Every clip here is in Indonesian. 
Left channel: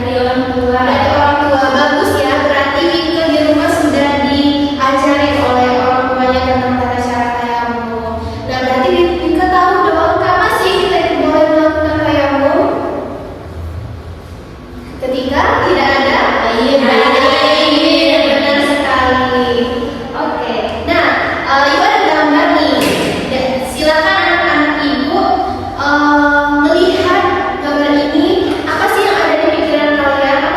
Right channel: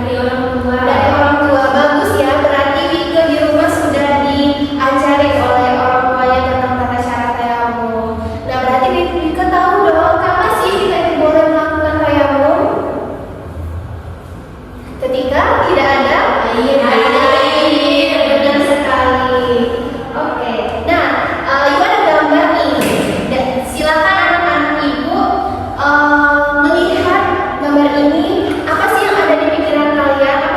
Dari orang tua. Dari orang tua. Bagus ya, berarti Wike di rumah sudah diajari oleh orang tuanya tentang tata cara tayamum. Nah, berarti Wike tahu dong kapan sih kita boleh melakukan tayamum? Ketika tidak ada air, benar sekali. Oke. Nah, Ibu ada gambar nih. Silakan anak-anak Ibu melihat gambar ini. Apa sih yang ada di pikiran kalian?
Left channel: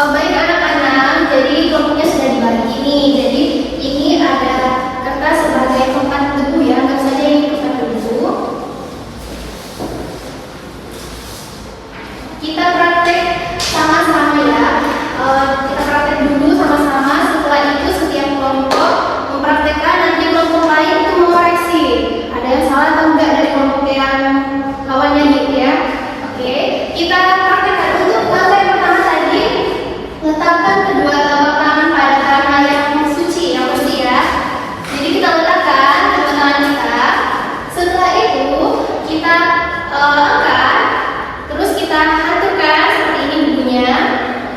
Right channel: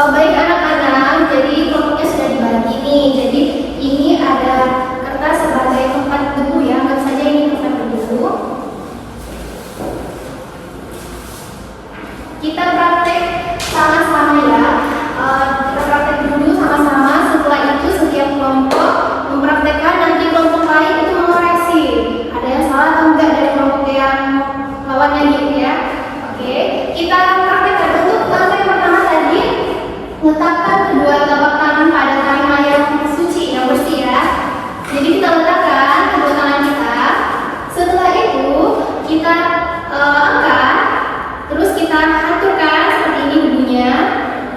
Oh, baik anak-anak, jadi kelompoknya sudah dibagi nih. Jadi ini ada kertas sebagai tempat debu ya, anggap saja ini tempat debu. Kita praktek sama-sama ya. Kita praktek dulu sama-sama. Setelah itu setiap kelompok mempraktekkan, nanti kelompok lain itu mengoreksi. Ada yang salah atau enggak dari kelompok yang lawannya gitu ya. Oke, kita akan praktekkan untuk yang pertama tadi. Letakkan kedua telapak tangan pada tangan yang suci, yang bersih ya. Jadi kita letakkan kedua tangan kita. Setelah itu kita angkat, terus kita haturkan seperti ini bunyinya.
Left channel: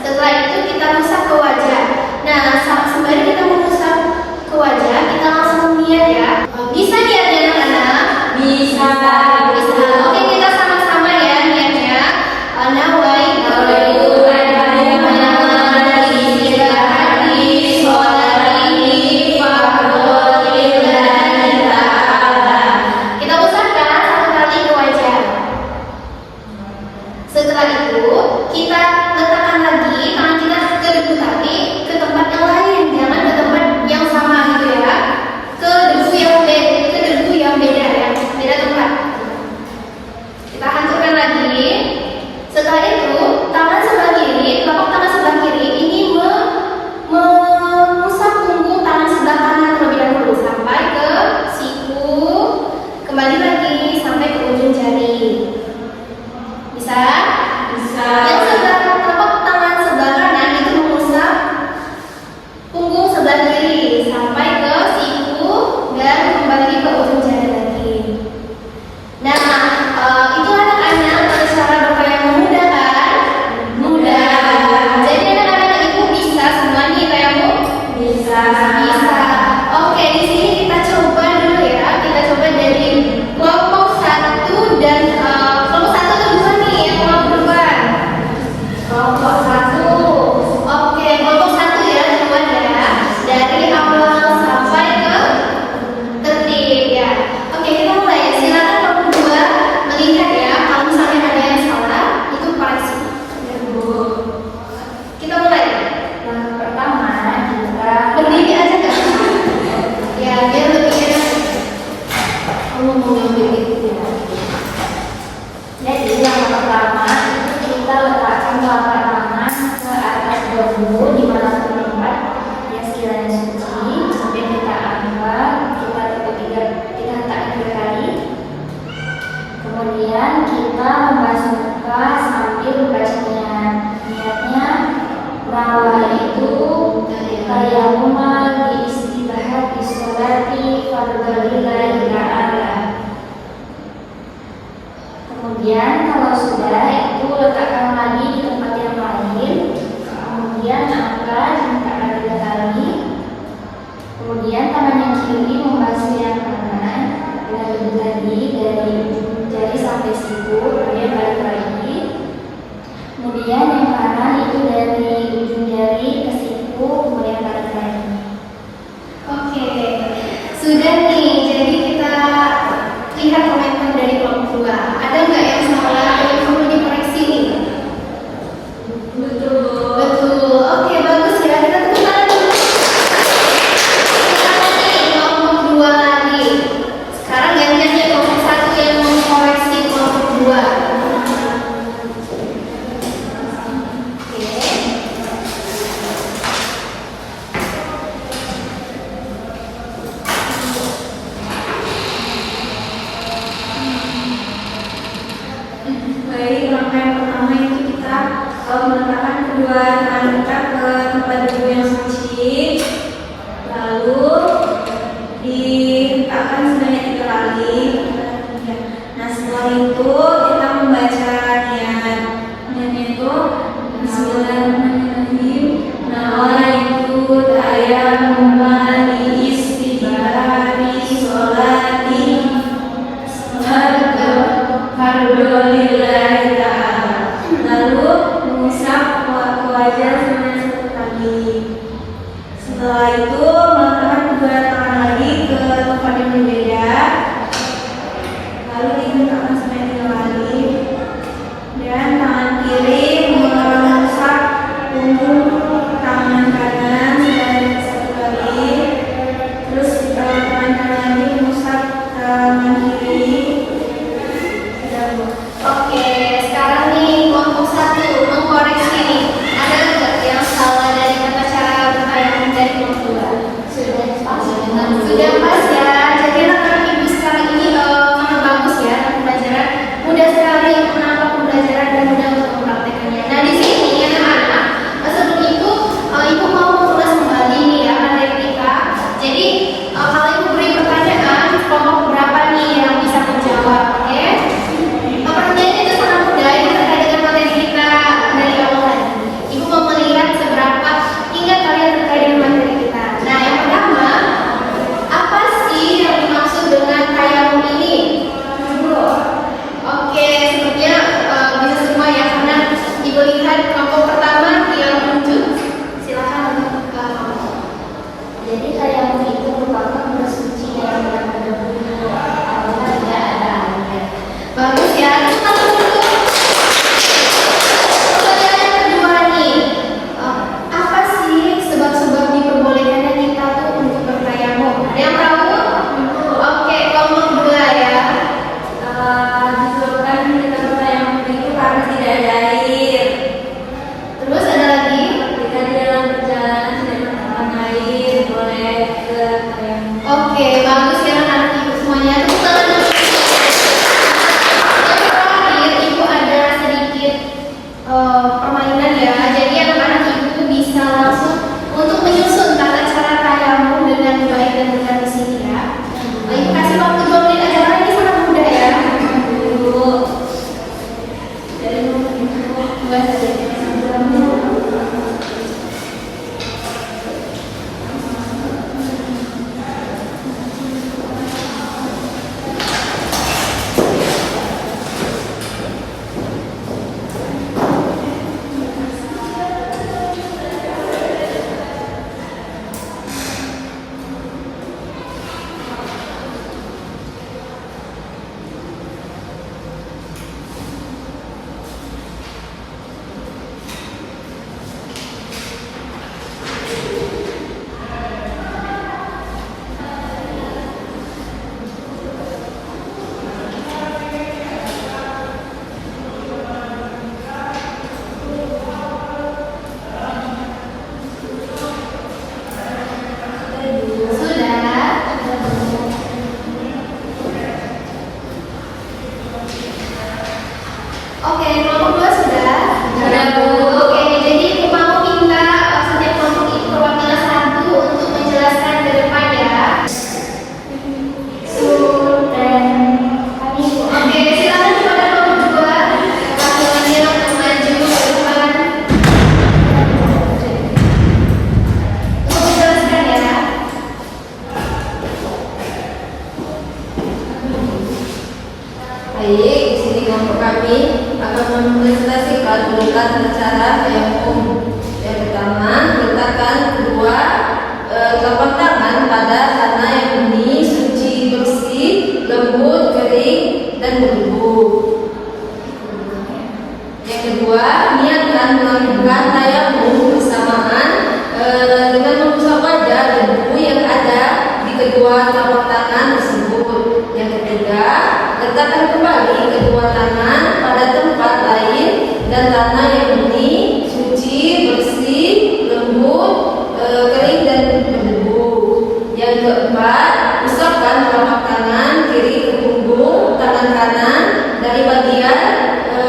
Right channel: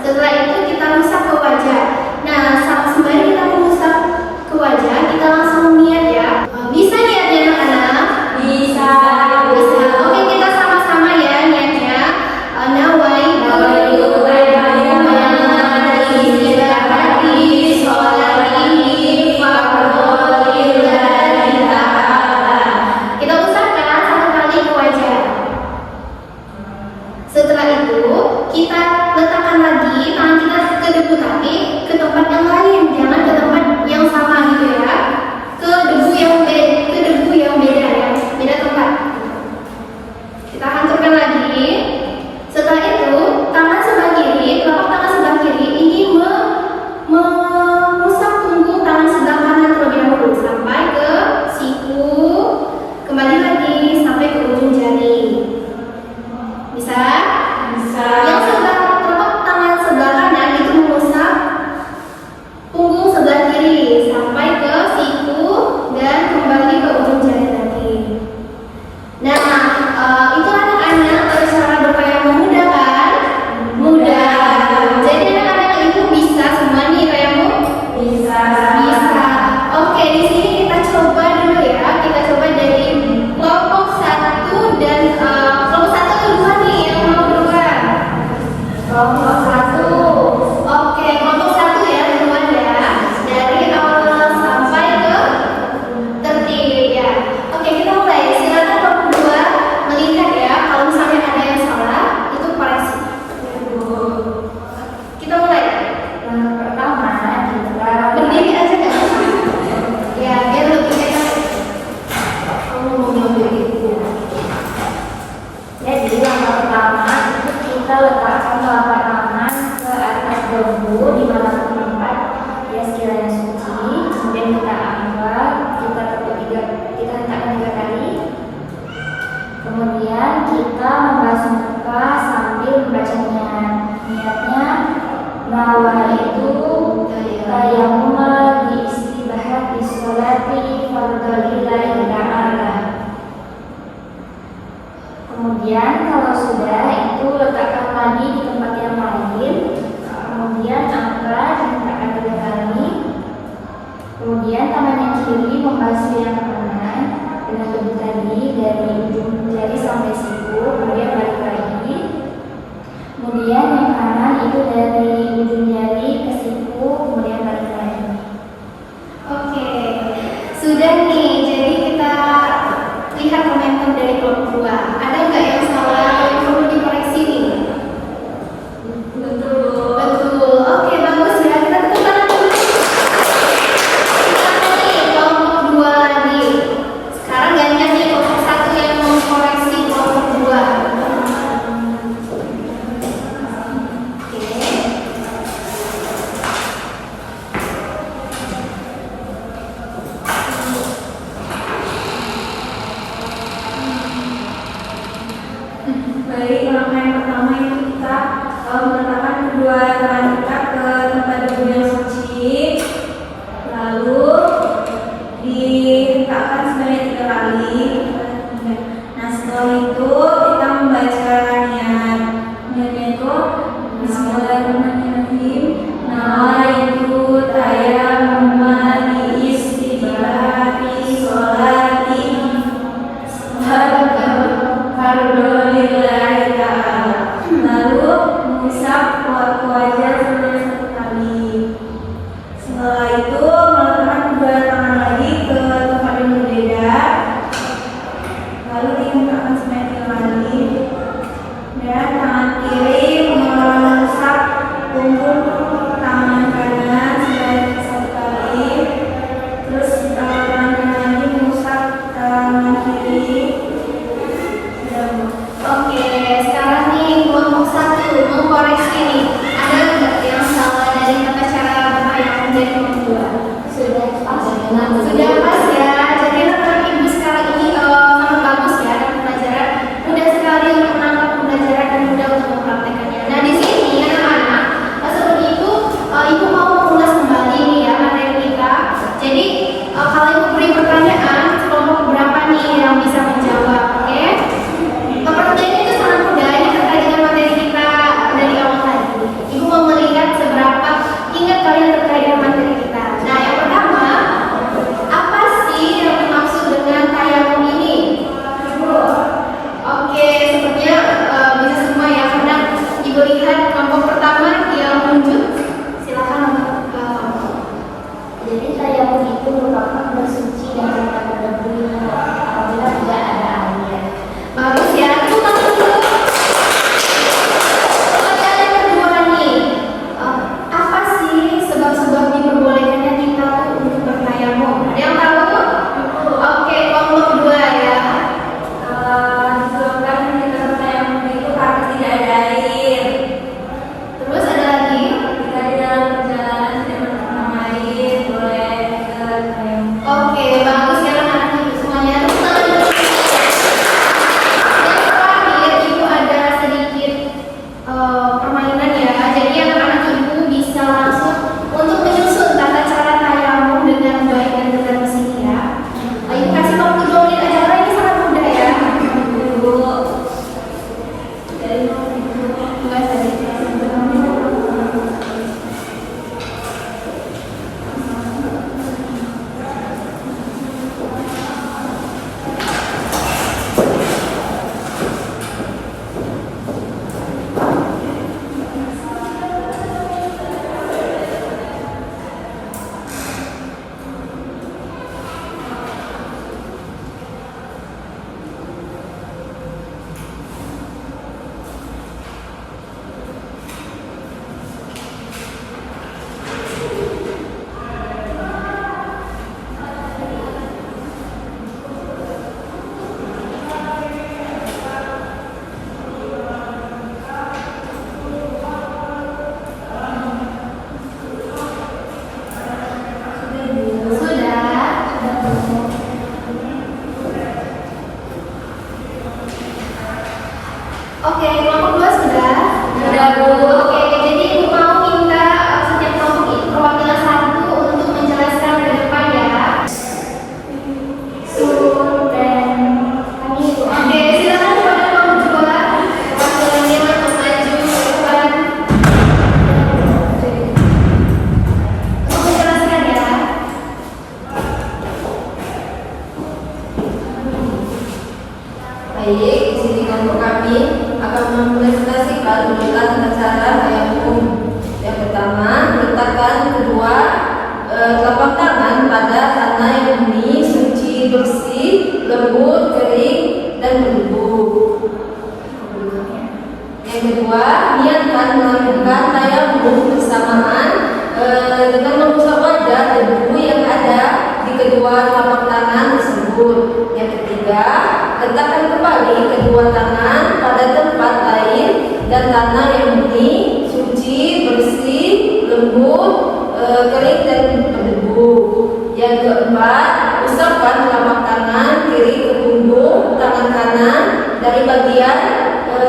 Setelah itu kita usap ke wajah. Nah, sembari kita mengusap ke wajah, kita langsung niat ya. Bisa niat ya anak-anak? Bisa. Oke, kita sama-sama ya niatnya. Setelah itu kita letakkan lagi tangan kita ke debu kaki ke tempat yang lain, jangan ke tempat yang sama gitu ya, ke debu yang beda ya, beda tempat. Kita hanturkan lagi. Setelah itu tangan sebelah kiri, telapak tangan sebelah kiri ini mengusap punggung tangan sebelah kanan terlebih dahulu sampai ke siku, kembali lagi sampai ke ujung jari. Bisa? Bisa. Yang telapak tangan sebelah kanan itu mengusap punggung sebelah kiri sampai ke siku dan kembali ke ujung jari lagi. Nah, itu anak-anak cara berupaya yang mudah kan? Mudah. Jadi anak-anak ibu bisa semua nih kayamu? Bisa. Oke, di sini kita coba dulu ya. Kita coba dari kelompok 1 dan kelompok 1 atau 2 nih yang mau duluan? Kelompok 1. Oke, kelompok 1 ya teman-teman ya. Dari awal sampai ke tertib ya. Oke, kita mulai. Silakan kelompok 2 melihat ya. Kalau misalnya ada yang salah, itu koreksi. Kita mulai. Yang pertama kita berdiri aja kan? Ya, biar lebih enak. Kamu mau ngambil itu. Jadi yang pertama kita letakkan telapak tangan ke atas bambu di mana tempat yang sekiranya suci. Kemudian kita angkat, kita hentakkan 3 kali. Kemudian kita membasuh muka sambil membacanya. Niatnya bahwa itu tayammum di istibahati sholati fardholillahi ta'ala. Kemudian kalau sudah itu letakkan lagi di tempat yang lain. Kemudian angkat, hentakkan 3 kali. Kemudian tangan yang kiri membasuh yang kanan dengan debu tadi dari ujung jari sampai siku. Kemudian balik lagi. Kemudian yang kanan itu dari ujung jari ke siku. Kemudian balik lagi. Oke, sudah nih. Jadi kita lihat komentar dari kelompok 2. Ada nggak yang salah atau yang perlu dikoreksi nih? Betul. Oke, bagus ya. Kita tepuk tangan dulu. Kita nih kelompok 2 lagi. Sekarang gantian nih kelompok 1 yang mengkoreksi kelompok 2. Baik, langkah yang pertama itu kita meletakkan kedua tangan kita ke tempat debu yang suci, lalu dihentakkan sebanyak 3 kali. Nah, setelah itu kita membaca niat. Niatnya itu Bismillahirrahmanirrahim. Nawaitu tayammum li istibahati sholati fardholillahi ta'ala. Lalu mengusap wajah sebanyak 1 kali. Setelah itu meletakkan kedua tangan lagi ke tempat yang berbeda. Lalu dihentakkan sebanyak 3 kali. Dan tangan kiri mengusap punggung Sudah pas. Sudah pas ya. Jadi anak-anak ibu sekarang ini sangat bagus ya pembelajaran. Mudah sekali untuk menangkap pembelajaran dan mudah untuk mempraktekannya. Nah di sini anak-anak, sebelum itu ibu mau mengulas kembali nih ya materi kita. Jadi kalau ibu beri pertanyaan, kelompok berapa nih yang bisa menjawab? Oke? Pertanyaannya itu sangat mudah. Ini terkait dengan materi kita dari awal tadi. Ibu mau melihat seberapa ingat kalian terkait dengan materi kita. Nah yang pertama, apa sih yang dimaksud dengan tayamum ini? Oke, sepertinya bisa semua ya, karena ibu lihat kelompok pertama yang menunjuk. Silakan kelompok. Jadi tayamum itu merupakan bersuci dari berdebu apabila tidak ada air. Bagus ya, tepuk tangan dulu. Pertanyaan yang kedua nih, apa sih sebab-sebab diperbolehkannya kita tuh untuk bertayamum? Ada yang tahu? Oke, kelompok dua ya. Disebabkan kita bertayamum itu karena tidak ada air. Terus ada lagi? Jika di dalam perjalanan tidak menemukan air, boleh ke tayamum. Oke, bagus ya anak-anak ibu semuanya. Tepuk tangan dulu. Yang terakhir, ibu ada sedikit permainan ya. Jadi anak-anak ibu bisa langsung untuk menyusun tata cara tayamum dengan baik dan dengan mesin ya. Ibu kasih waktu 2 menit aja karena ini sangat mudah ya. Enggak tadi. Oke, kelompok 2 sudah? Sudah, Bu. Oke, jadi ibu mau minta setiap kelompok itu perwakilan satu untuk menjelaskan ke depan ya. Dan kami Oke, silakan kepada kelompok 2 perwakilannya untuk maju ke depan untuk menjelaskan ya. Baik, di sini kelompok kami akan mempresentasikan tata cara tayamum. Yang pertama, letakkan kedua telapak tangan pada tanah yang murni, suci, bersih, lembut, kering, dan berdebu. Yang kedua, niatkan melakukan tayamum bersamaan dengan mengusap wajah dan debu yang ada di kedua telapak tangan tersebut. Yang ketiga, letakkan kembali kedua tangan pada tempat lain dan tanah yang murni, suci, bersih, lembut, kering dan berdebu. Yang keempat, usapkan telapak tangan kiri ke punggung tangan kanan dari bagian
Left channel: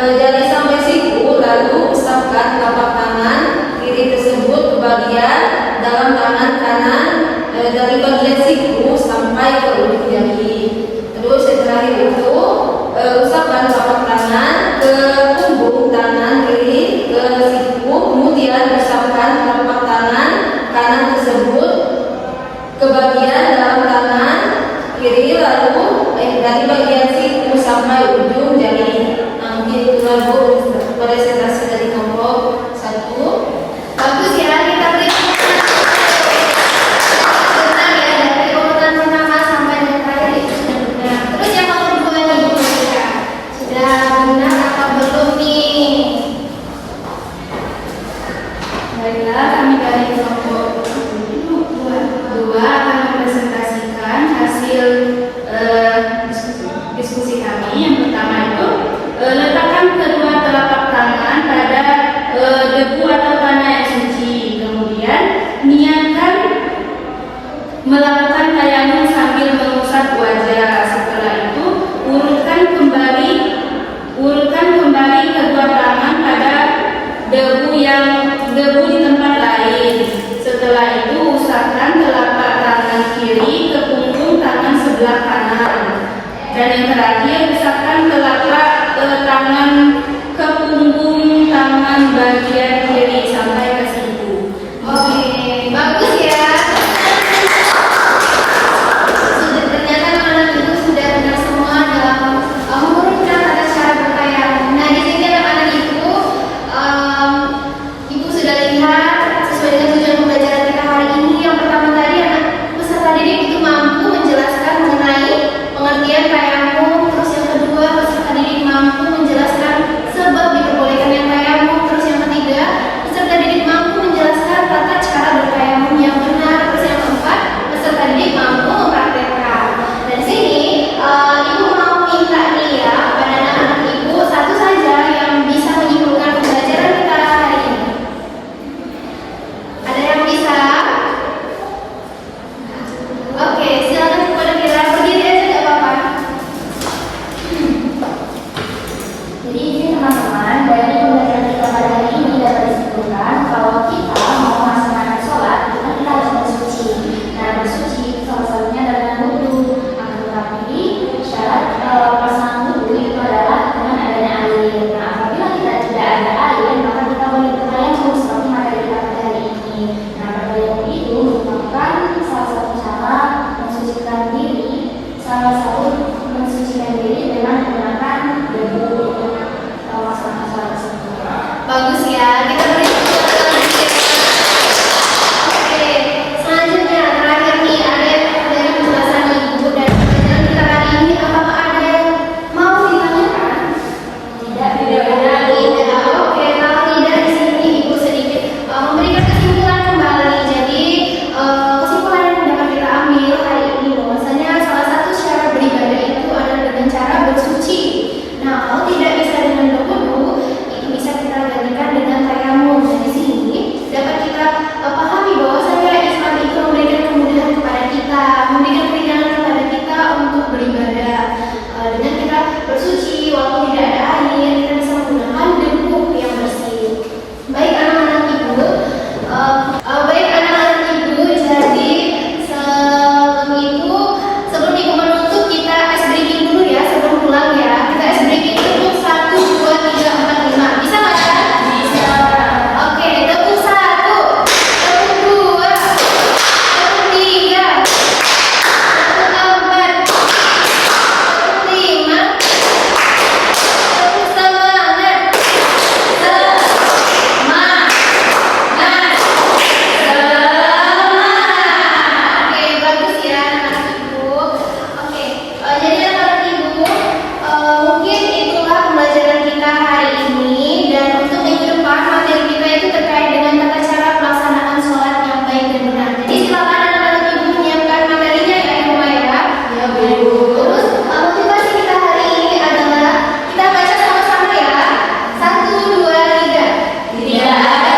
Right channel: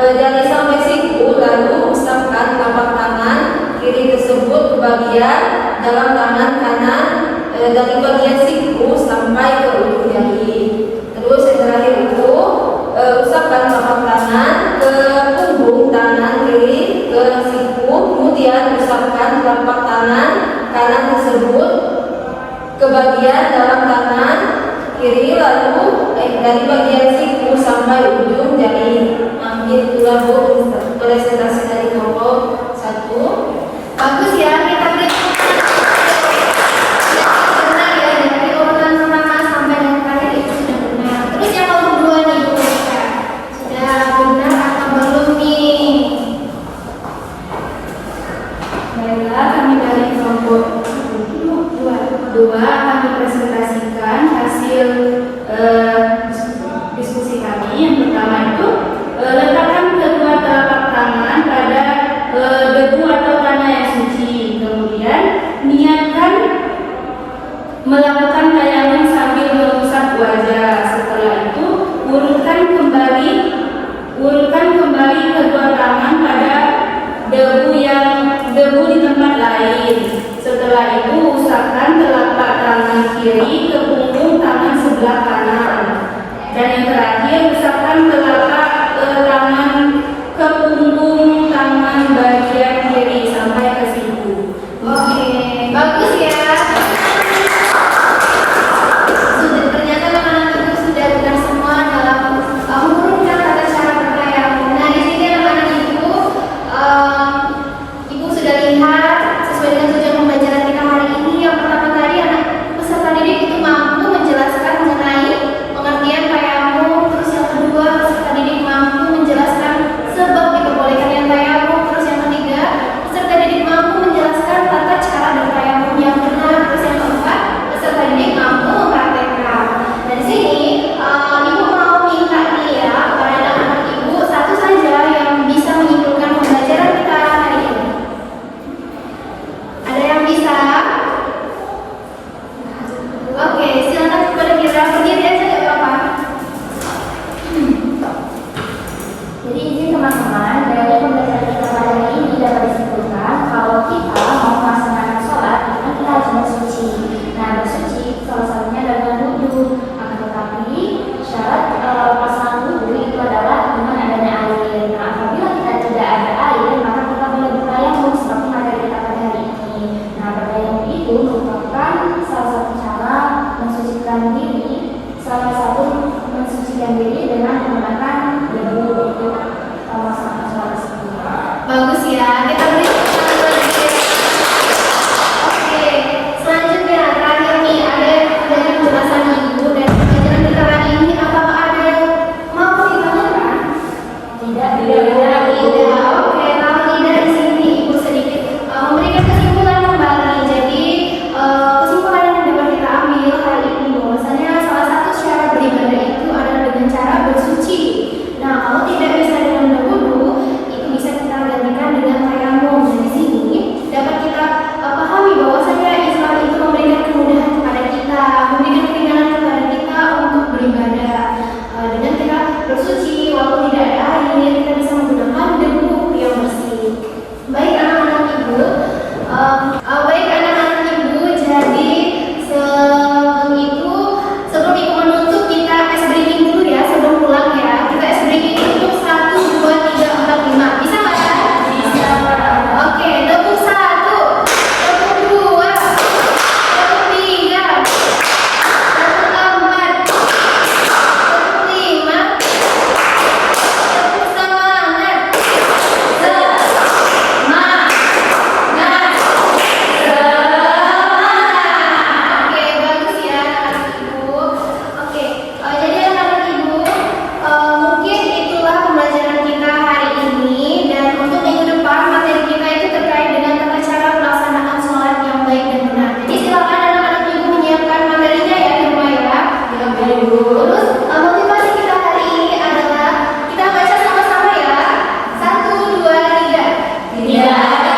jari sampai siku, lalu usapkan telapak tangan kiri tersebut ke bagian dalam tangan kanan dari bagian siku sampai ke ujung jari. Terus yang terakhir itu usapkan telapak tangan ke punggung tangan kiri ke siku, kemudian usapkan telapak tangan kanan tersebut ke bagian dalam tangan kiri, lalu dari bagian siku sampai ujung jari. Mungkin itulah Bu presentasi dari kelompok 1. Bagus ya, kita beri benar ya, dari urutan pertama sampai yang terakhir itu sudah benar. Terus yang kelompok 2 nih, sudah benar atau belum nih? Baiklah, kami dari kelompok 2 akan mempresentasikan hasil diskusi kami. Yang pertama itu letakkan kedua melakukan tayamum sambil mengusap wajah. Setelah itu, urutkan kembali kedua tangan pada debu di tempat lain. Setelah itu, usapkan telapak tangan kiri ke punggung tangan sebelah kanan. Dan yang terakhir, usapkan telapak tangan ke punggung tangan bagian kiri sampai ke siku. Oke, bagus ya. Ternyata anak-anak ibu sudah benar semua dalam mengurutkan tata cara bertayamum. Nah, di sini anak-anak ibu, ibu sudah lihat sesuai dengan tujuan pembelajaran kita hari ini. Yang pertama tadi, anak peserta didik itu mampu menjelaskan mengenai pengertian tayamum. Terus yang kedua, peserta didik mampu menjelaskan sebab diperbolehkannya tayamum. Terus yang ketiga, peserta didik mampu menjelaskan tata cara bertayamum yang benar. Terus yang keempat, peserta didik mampu mempraktekkan. Dan di sini ibu mau minta nih ya kepada anak-anak ibu satu saja yang bisa menyimpulkan pembelajaran kita hari ini. Ada yang bisa? Oke, silakan kepada Mira, berdiri aja gak apa-apa. Jadi ini teman-teman, dari pembelajaran kita pada hari ini dapat disimpulkan kalau kita mau melaksanakan sholat, kita harus bersuci. Nah, bersuci salah satunya adalah dengan wudhu. Akan tetapi syarat pelaksanaan wudhu itu adalah dengan adanya air. Nah, apabila kita tidak ada air, maka kita boleh bertayamum seperti materi kita pada hari ini. Nah, bertayamum itu merupakan salah satu cara mensucikan diri, dengan menggunakan debu untuk melaksanakan sholat tersebut. Bagus ya, kita beri tepuk tangan lagi ya. Oke, selanjutnya terakhir nih ada yang dari penjelasan ibu dan pembelajaran kita hari ini. Apakah ada yang mau ditanyakan? Tidak. Oke, kalau tidak di sini ibu sedikit memberikan kesimpulan kembali. Jadi kesimpulan yang dapat kita ambil hari ini bahwasanya salah satu cara beribadah itu adalah dengan cara bersuci. Nah, kalau tidak bisa dengan berwudu, itu bisa kita gantikan dengan tayamum. Dan di sini dapat kita pahami bahwasanya Islam itu memberikan kemudahan kepada kita, memberikan keringanan kepada kita untuk beribadah. Dengan kita bersuci, walaupun tidak ada air, kita bisa menggunakan debu yang bersih. Baik anak-anak ibu, jadi sebelum ibu menutup, kita ice breaking dulu ya sebelum pulang ya. Kita ice breaking untuk 1, 2, 3, 4, 5. Bisa nggak ya? Bisa. Oke, tepuk 1, tepuk 2, tepuk 3, tepuk 4, tepuk 5, tepuk semangat. Oke, bagus ya anak ibu. Oke, jadi anak ibu, mungkin itulah pembelajaran kita hari ini. Dan untuk minggu depan materi kita itu terkait dengan tata cara pelaksanaan sholat yang baik dan benar. Jadi silakan anak-anak ibu menyiapkan materinya ya di rumah ya. Terus motivasi kita hari ini adalah kita baca sama-sama ya. 1, 2, 3. Tidak ada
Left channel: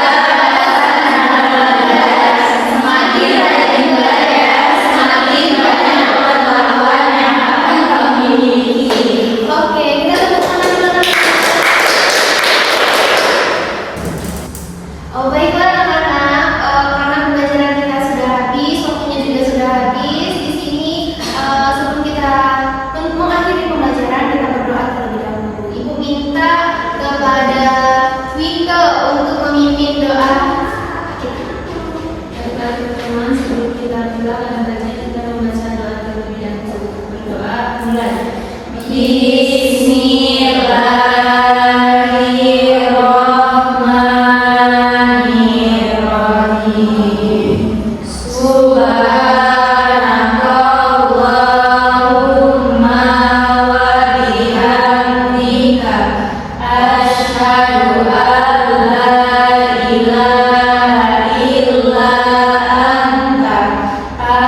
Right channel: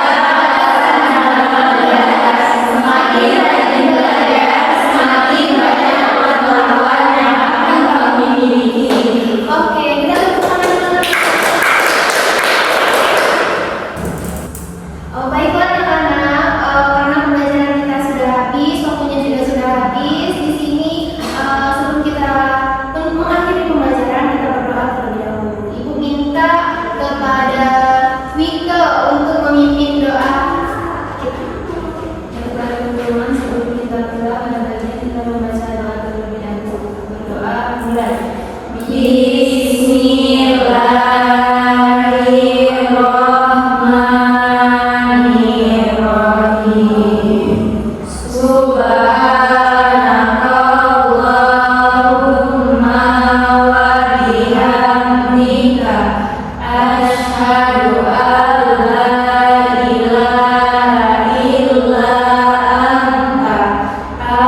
semakin rajin belajar, semakin banyak pengetahuan yang akan kami miliki. Oke, kita tepuk tangan dulu. Baiklah anak-anak, karena pembelajaran kita sudah habis, waktunya juga sudah habis. Di sini sebelum kita mengakhiri pembelajaran, kita berdoa terlebih dahulu. Ibu minta kepada Wika untuk memimpin doa kita. Teman-teman, sebelum kita pulang, hendaknya kita membaca doa terlebih dahulu. Berdoa mulai. Bismillahirrahmanirrahim. Subhanakallahumma wa bihamdika asyhadu an la ilaha illa anta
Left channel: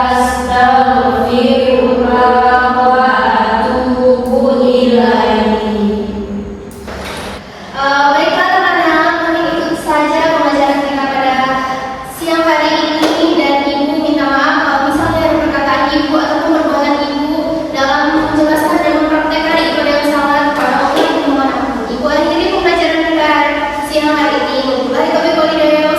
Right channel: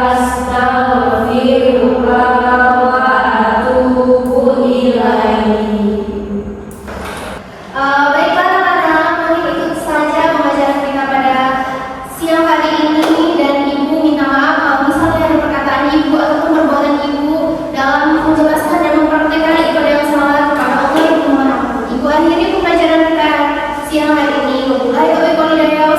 astaghfiruka wa atubu ilaik. Baiklah anak-anak, mungkin itu saja pembelajaran kita pada siang hari ini. Dan ibu minta maaf kalau misalnya siang hari ini. Wabillahi taufiq wal hidayah.